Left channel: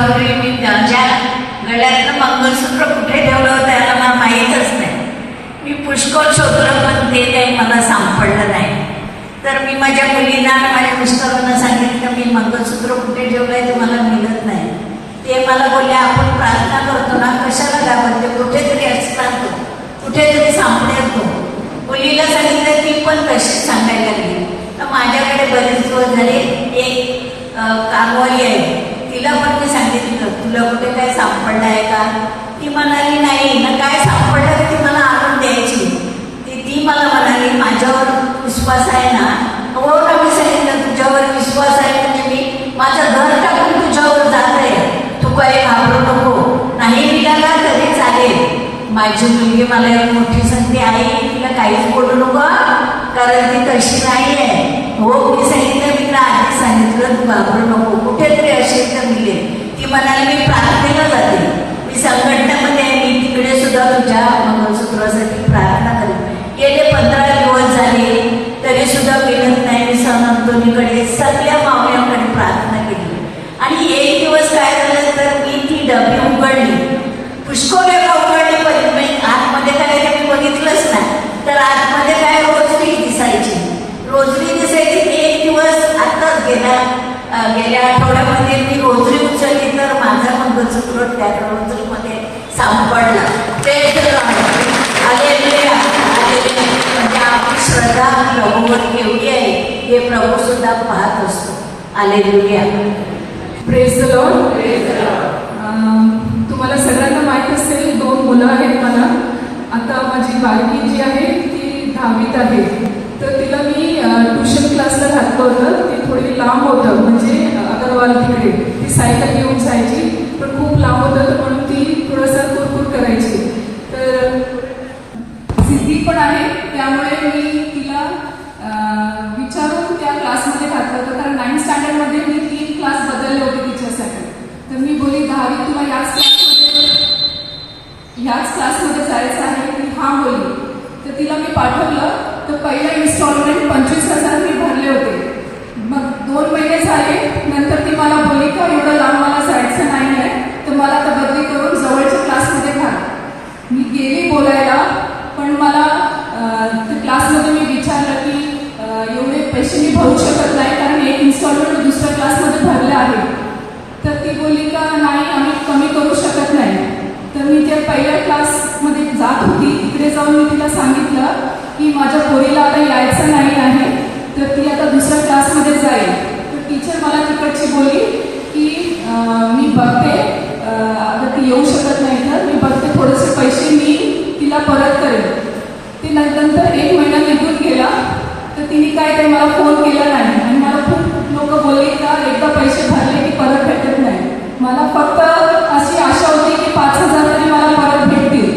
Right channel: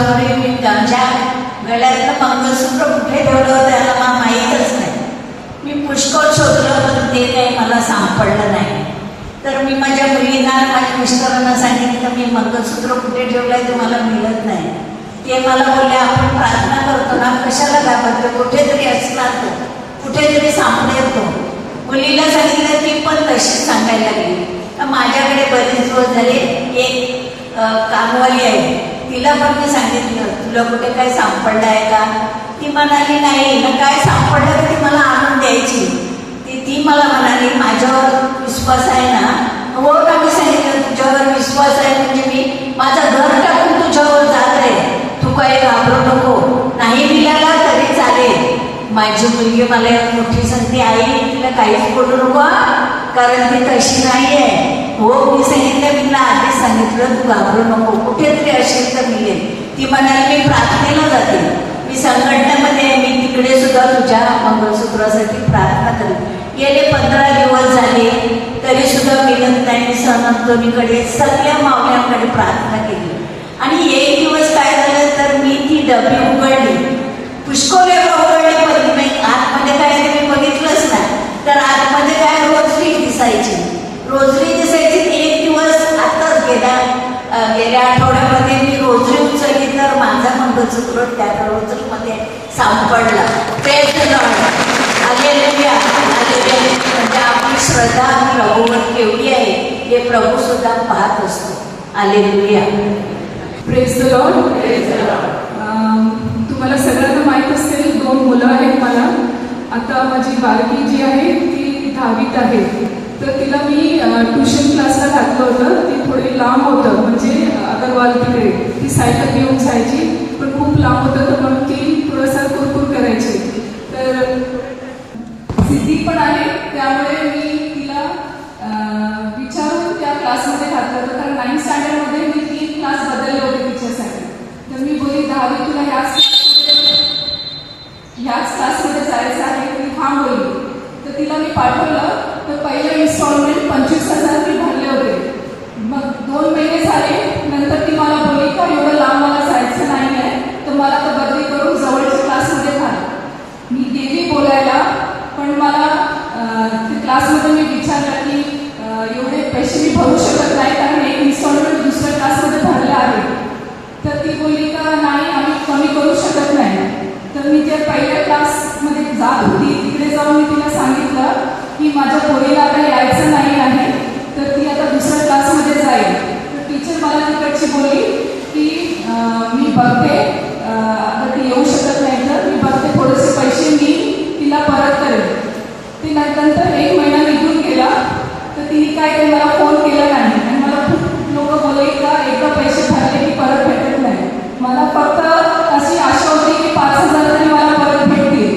दिवसापूर्वी मी आमच्या गळ्यातलं मंगळसूत्र कुठे ठेवलं होतं याला मला माहीतच नाही. मी पुष्कळ शोधलं पण ते काही मला सापडलं नाही. तर मी माझ्या मुलींना माझ्या मिस्टरांना सांगितलं मी मंगळसूत्र कुठे ठेवलं आहे तुम्हाला मिळत नाही. ते मला बोलले आपण प्रार्थना करतो ना कशाला घाबरतो कुठेतरी असतात कुठेतरी सापडेल तो. मुलीला सांगितलं ती पण तशीच सांगायला लागली का माझ्याकडे बरेच दिवस झाले एक कामवाली आहे तिला पण मी सांगितलं तुला कुठे काय सापडलं आहे का. ती म्हणाली नाही ना काय सापडलं ती मला आणून द्यायची. ती मला म्हणाली माझ्यावर विश्वास आहे ना. हो का मी सांगितलं तुझ्यावर विश्वास आहे म्हणजे मी माझं घर टाकून तुझ्यावर जात आहे तू काही घाबरू नको नाही मिळाला तरी चालेल. माझी मुलगी मला एक मोठी संधी आई तिला काहीच बोलू नको कारण ती तशी नाही आहे. हो मी सांगितलं तिला आधी सांगितलं तू घाबरू नको कुठेतरी असेल तर मिळेल. ती म्हणाली मी प्रार्थनेला जाते मी संघटनेमध्ये मी तिकडे सुद्धा तुझ्या मंगळसूत्रासाठी प्रार्थना करते. गेले 15 दिवस झाले तरी सुद्धा मिळत नाही. समंतोनीकडे सगळ्या मावळ्यांकडे प्रार्थना केली आणि एक दिवस काय झालं तर मी ती डबी उघडली पुष्कळ उघडली पण मी आतमध्ये काय मी बघितलंच नाही. तर आतमध्ये काय रोजरी दिसायची एक दिवस आताच गेल्या आठवड्यामध्ये मी रोजरी उचलली तर माझा मंगळसूत्र त्या रोजरीमध्ये सापडला. ते म्हणजे आपली श्रद्धा प्रभूवर केवढी आहे हे प्रभू सुद्धा पाहत असतो. हालेलुया. Praise the Lord. तुम्हाला सगळ्यांना माहित असेल 2 मुलं आहेत मला. आता माझी बालकी जी आहे ती 10वीत आहे. तर तिला मी ट्युशन क्लासला घातलं होतं. ती थोडी लांब होतं म्हणजे अगरवाल तिकडे ती सायकल घेऊन जायची पण खूप लांब होतं पण ती थोडंसं कुरकुर करायची. तर सिद्धी पण आहे त्यामुळे मी तिला विचारून त्या क्लासमध्ये घातलं होतं कारण 9th स्टँडर्डमध्ये मी 3 क्लास बदलले होते तिच्यासाठी. तर मी बोली 10वी तुला याच क्लासमध्ये जायचं आहे ती हा बोलली. तर तिला मी पाठवलं तर पहिला इन्स्टॉलमेंट 25,000 मी भरले होते. मग 2 महिने झाले नंतर ती मला बोलली का एवढं लांब मला जायचं नाही आहे तर मला तर बदली करून जवळच्या क्लासमध्ये घाल. मी गेली बोलायला पण मला क्लासमध्ये मी विचारलं की एवढे पैसे मी भरू शकत नाही कारण एक इन्स्टॉलमेंट दुसऱ्या क्लासमध्ये भरले आहे. तर ती बोलली का नाही आम्ही कमी करू शकत नाही. तर मी त्या पहिल्या क्लासमध्ये जात होती तिकडे जाऊन मी तिला सांगितलं की माझ्या पोरीला आता यायचं नाही आहे तर ती आता दुसऱ्या क्लासमध्ये जाईल. तर टीचर मला तिकडची बोलली की मी बघते आता ती येऊ शकत नाही तर मी बघते थोडेसे पैसे मी तिला परत करेन. ती नंतर 1 महिना निघून गेला तर तिने काय मला फोन केला नाही आणि मला खूप लोक बोलले का एकदा पैसे भरले की परत भेटत नाही. मला फक्त अशी आशा होती की 5,000 तरी मला परत भेटतील.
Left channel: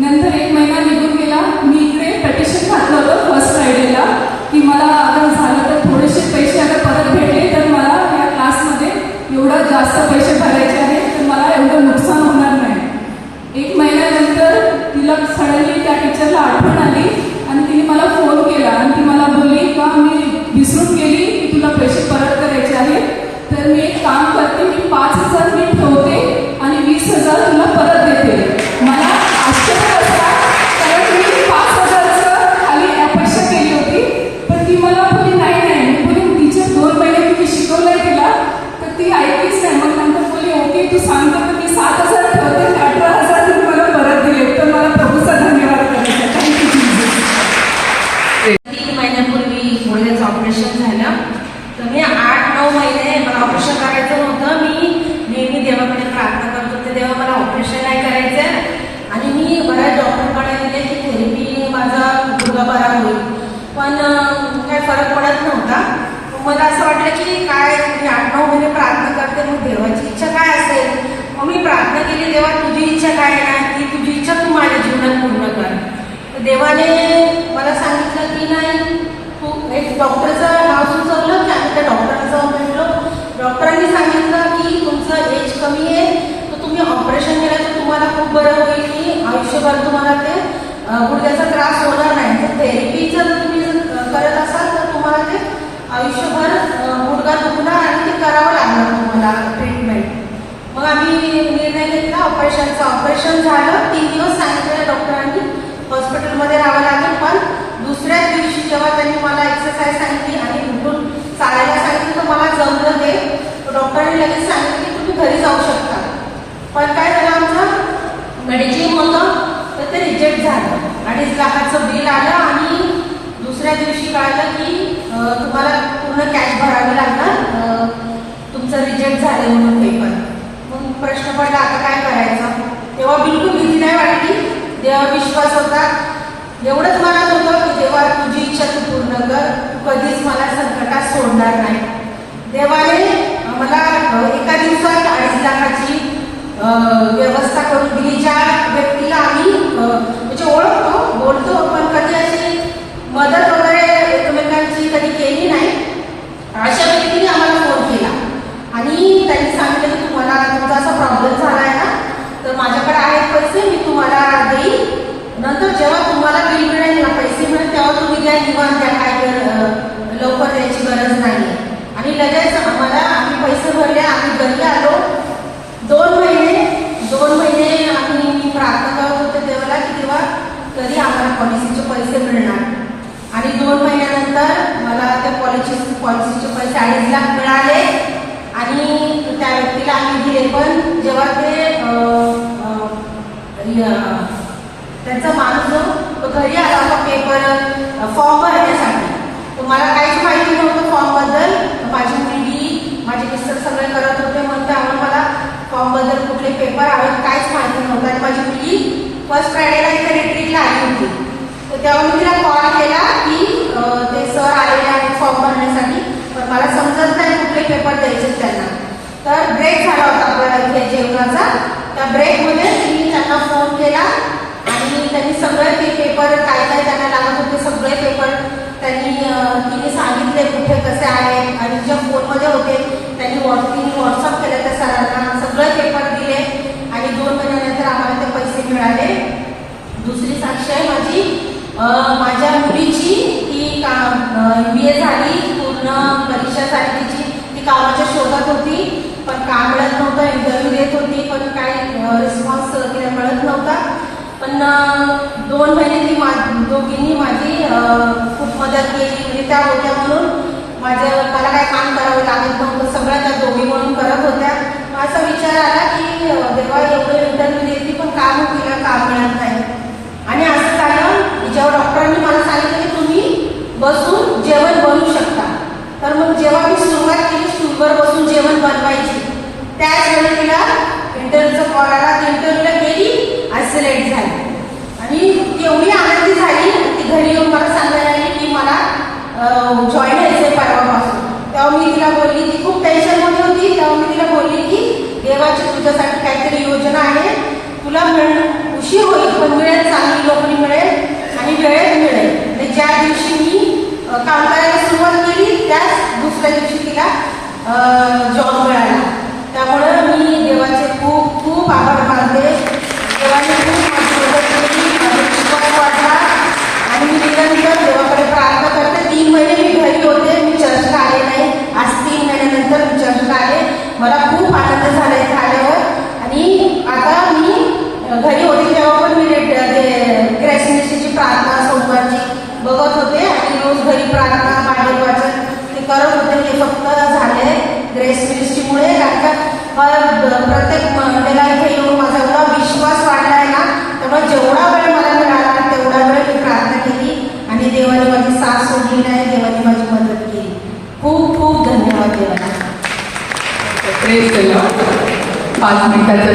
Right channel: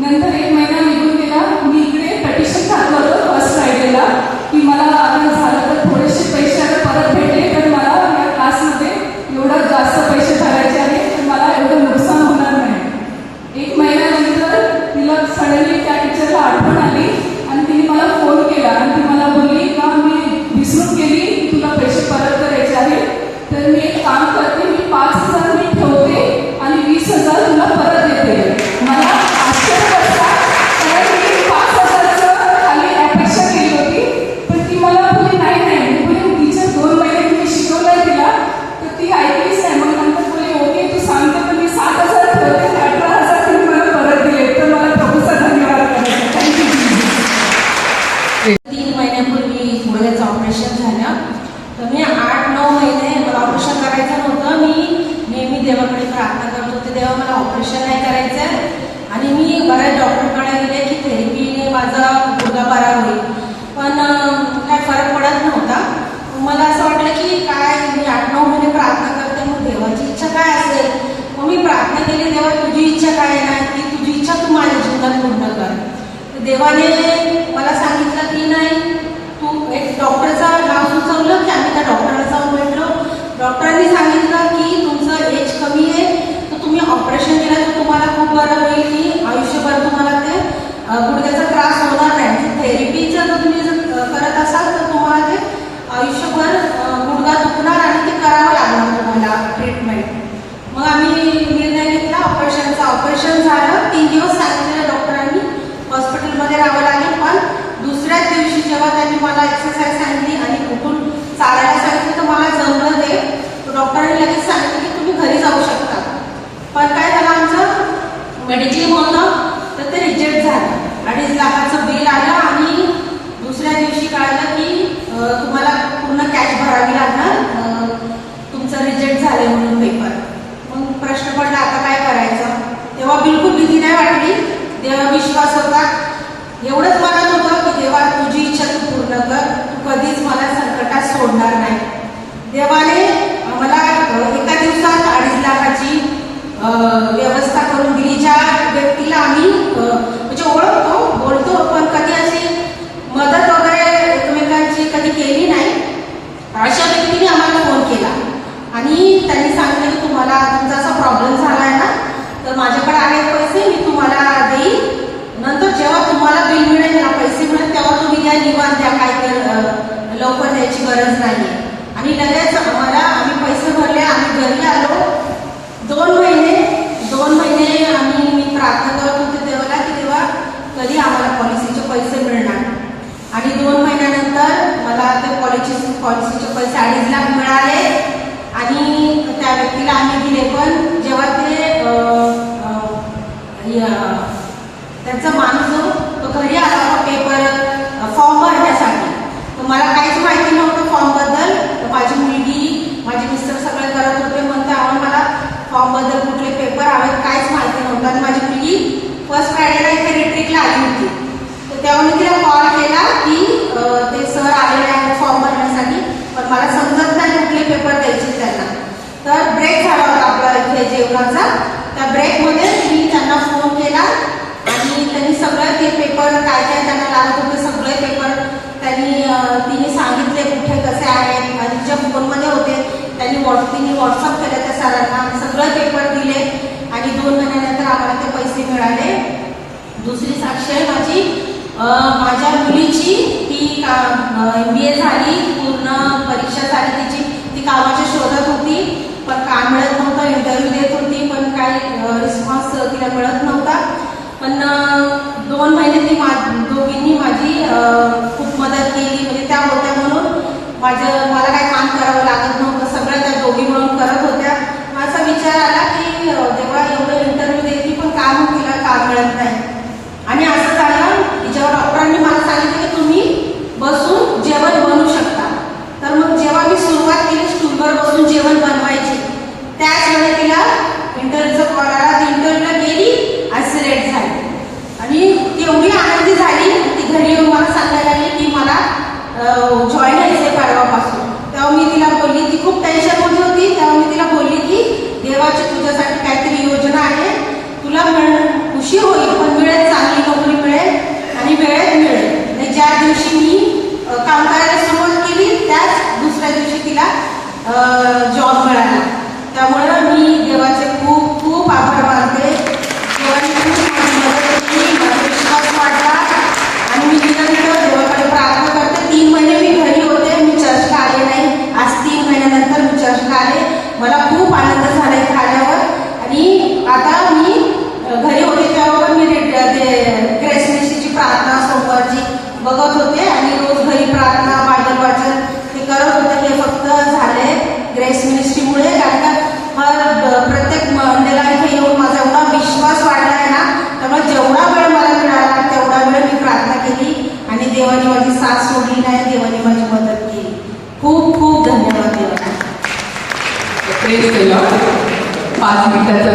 नंतर 1 महिना निघून गेला. मी इकडे पेटिशन घातलं होतं फर्स्ट फ्रायडेला की मला आता झालं तर थोडेसे पैसे आता परत भेटले तर मला या क्लासमध्ये एवढं जास्त पैसे भरायचे आहे तर मला एवढं नुकसान होणार नाही. 1 महिन्यानंतर तिला सडनली त्या टीचरला आठवण आली आणि तिने मला फोन केला आणि ती मला बोलली का मी विसरून गेली की तुला पैसे परत करायचे आहे तर मी एक काम करते मी 5,000 मी ठेवते आणि 20,000 तुला परत देते. मला मी 5,000चं खाली अपेक्षा केली होती पण ती मला बोलली नाही बोलली टीचर 2 महिने तुम्ही शिकवलंय तिला तर ती ऐकलीच नाही. मग नंतर बोलली ओके तू सांगते तर मी 7,000 ठेवते 18,000 तुम्ही मला परत दिले. तर मला प्रभूचा धन्यवाद करायचा. थँक्यू. 3 महिन्यापूर्वी मुलाचं ऑपरेशन झालं तर मी 8-9 महिने मला ऑपरेशन करायचं नव्हतं. मी नेहमी देवाकडे प्रार्थना करत होते देवा मला ऑपरेशन नाही करायचं आणि मी बऱ्याच डॉक्टरकडे गेले की थेरपीने माझा गुडघा बरा होईल पण काय फरक पडत नव्हता. मला असं वाटलं की काय मी 8-9 महिने प्रार्थना करते मग देवाची इच्छा काय असेल. मग मी प्रार्थना केली देवा तुझी इच्छा काय आहे ना की तुझी इच्छा तू माझ्या जीवनात पूर्ण कर. तर देवाने मला सांगितलं की नाही तू एक डॉक्टरचं नाव सुचवलं की आम्ही त्या डॉक्टरला जाऊन भेटलो. डॉक्टरांनी सांगितलं की तुमचं एज कमी आहे तर तुम्ही ऑपरेशन केलं तर तुम्हाला खूप बरं होईल की आयुष्यभर तुम्हाला ते गुडघ्याचा त्रास होणार नाही. थेरपीचं जर तुम्ही करत असाल तर तुम्हाला ते आयुष्यभर गुडघा दुखणार आणि ते करावं लागणार तुम्हाला ट्रीटमेंट. मग हॉस्पिटलमध्ये राहावं लागेल. पण दुसऱ्याच दिवशी जेव्हा त्यांनी मला एक्सरसाइज सांगितली आणि उठून चालायला सांगितलं तर मला जमलं ते. डॉक्टरांनी लगेच सांगितलं की तुम्ही घरी जाऊ शकता. पण काय झालं, आमचं मेडिक्लेम होतं तर ते रिजेक्ट झालं. 2.5 लाखाचं बिल आलं आणि दुसऱ्या दिवशी कळलं की तुम्हाला पूर्ण कॅश भरावी लागणार, तुमचं रिजेक्ट झाले म्हणून पेपर. मग प्रश्न पडला आता काय करायचं. तेव्हा बिलकुल भीती नाही वाटली, देवा विश्वास होता. एवढंच मनात होतं की देवा तुझी इच्छा तू पूर्ण कर, तू कधीच मला संकटात सोडणार नाही. देवाने मला एका दिवसात 2.5 लाखाची व्यवस्था करून दिली. ज्या व्यक्तीला आम्ही म्हणजे ओळखतो बोलतो पण कधी अशी मदत वगैरे एकमेकांची कधी केली नाही, अशा व्यक्तीने आम्हाला फोन केला आणि त्यांनी सांगितलं की तुम्हाला तुमचा असा प्रॉब्लेम झाला आहे ना, तर माझ्याकडे आहेत पैसे, मी तुम्हाला देईल. नंतर जेव्हा तुम्हाला बिल मिळेल ना, पैसे मिळेल तेव्हा तुम्ही द्या, निवांत द्या, काय लवकर द्यायची गरज नाही. आणि लगेच आम्ही पैसे भरले, आम्ही घरी आलो. 2 महिने मी प्रार्थना करत होते देवाला की तेव्हा कधी आम्हाला पॉलिसीचे पैसे मिळणार. आणि 2 महिन्यानंतर मला त्या पॉलिसीचे पैसे 2.5 लाख मिळाले आणि त्या व्यक्तीला आम्ही दिले. पण जेव्हा ते त्यांचा माणूस जो तो घरी आला होता पेपर फॉर्म भरण्यासाठी, तुम्हाला काहीच माहिती नव्हतं फॉर्मबद्दल. माझी मुलगी माझे मिस्टर सगळे करत होते, मग त्यावर मला फॉर्मबद्दल कुठले पेपर हवेत काहीच माहिती नव्हतं. आणि माझी मुलगी फर्स्ट फ्रायडेला इथे रिट्रीटला आली होती, तर तेव्हा मी तिला कॉल केला की ते सर आलेले आहेत फॉर्म भरण्यासाठी, पण मला समजत नाही कुठले पेपर द्यायचे त्यांना. तर ब्रेक झाला होता आपला इथे जेवणाचा, त्या ब्रेकमध्ये मी त्यांना फोन केला आणि त्यांनी सगळे ते पेपर काय काय त्यांना लागत होते सगळे पेपर तिने सांगितले कुठे कसे आहेत. आणि जे फोनमध्ये होते तिने व्हॉट्सअप केलं त्या सरांना, सगळे पेपर दिले आणि 2 महिन्यानंतर आम्हाला ते पैसे मिळाले. दुसरी साक्ष आहे माझ्या मुलीची, ती MBA झाली, पूर्ण परीक्षा झाली तिची. ती कामाच्या शोधात होती पण काम मिळत नव्हतं, इंटरव्ह्यू देत होती पण काही रिस्पॉन्स तिला मिळत नव्हता. पण 2 महिने ती दोघींनी माझी खूप मदत केली. म्हणजे त्या होत्या म्हणून मला काय काम करावं लागत नव्हतं, सगळ्या त्या दोघी म्हणून करत होत्या. असा विचार आला की देवा एवढं इंटरव्ह्यू देतली पण काम तिला काम मिळत नाही. आणि असं झालं की जेव्हा डॉक्टरांनी मला सांगितलं की तुम्ही बसून जेवण बनवू शकता, तर मग जेव्हा मी सुरुवात केली स्टूलवर बसून जेवण बनवायची, त्याच वेळी तिला इंटरव्ह्यूचा कॉल आला. ती इंटरव्ह्यूला गेली आणि सिलेक्ट झाली आणि ती एवढी आनंदी झाली. ती घरी येऊन मला सांगायला लागली की मला जॉईन व्हायचंय परवापासून. तेव्हा मी तिला बोलली, ती खूप टेन्शनमध्ये होती, तेव्हा मी तिला बोलली की देवाची तुझ्यासाठी काहीतरी योजना आहे, तुला उशीर होईल पण मिळेल, चांगली नोकरी मिळेल आणि वेळेत मिळेल. आणि ज्या दिवशी मी काम करायला सुरुवात केली त्याच दुसऱ्या दिवशी तिला जॉब मिळाला. त्यामुळे मी देवाचे खूप खूप आभार मानते. देवाने खूप मदत केली, विश्वास वाढला आणि मी निरंतर देवाकडे प्रार्थना करते. 3 महिने मी घरी होते, मी चर्चला आले नाही. आज 3 महिन्यानंतर मी चर्चला आले. मला खूप आनंद झाला इथे आल्यावर. आणि आता मी घरी होते तेव्हा पण मी ग्रेस मिनिस्ट्रीची प्रार्थना सोमवारची बघत होते आणि रोज घरी प्रार्थना बायबल वाचन ते करत होते. हे फक्त झाले ग्रेस मिनिस्ट्रीमुळे, कारण का प्रत्येक मंडेला इथे येऊन माझा एवढा विश्वास वाढलाय ना, त्यामुळे जेवढा वेळ मला मिळाला तेवढा वेळ मी प्रार्थना केली आणि देवाने माझी साथ सोडली नाही, देवाने माझी मदत केली. खूप खूप धन्यवाद देवाला. 5 मिनिटाचं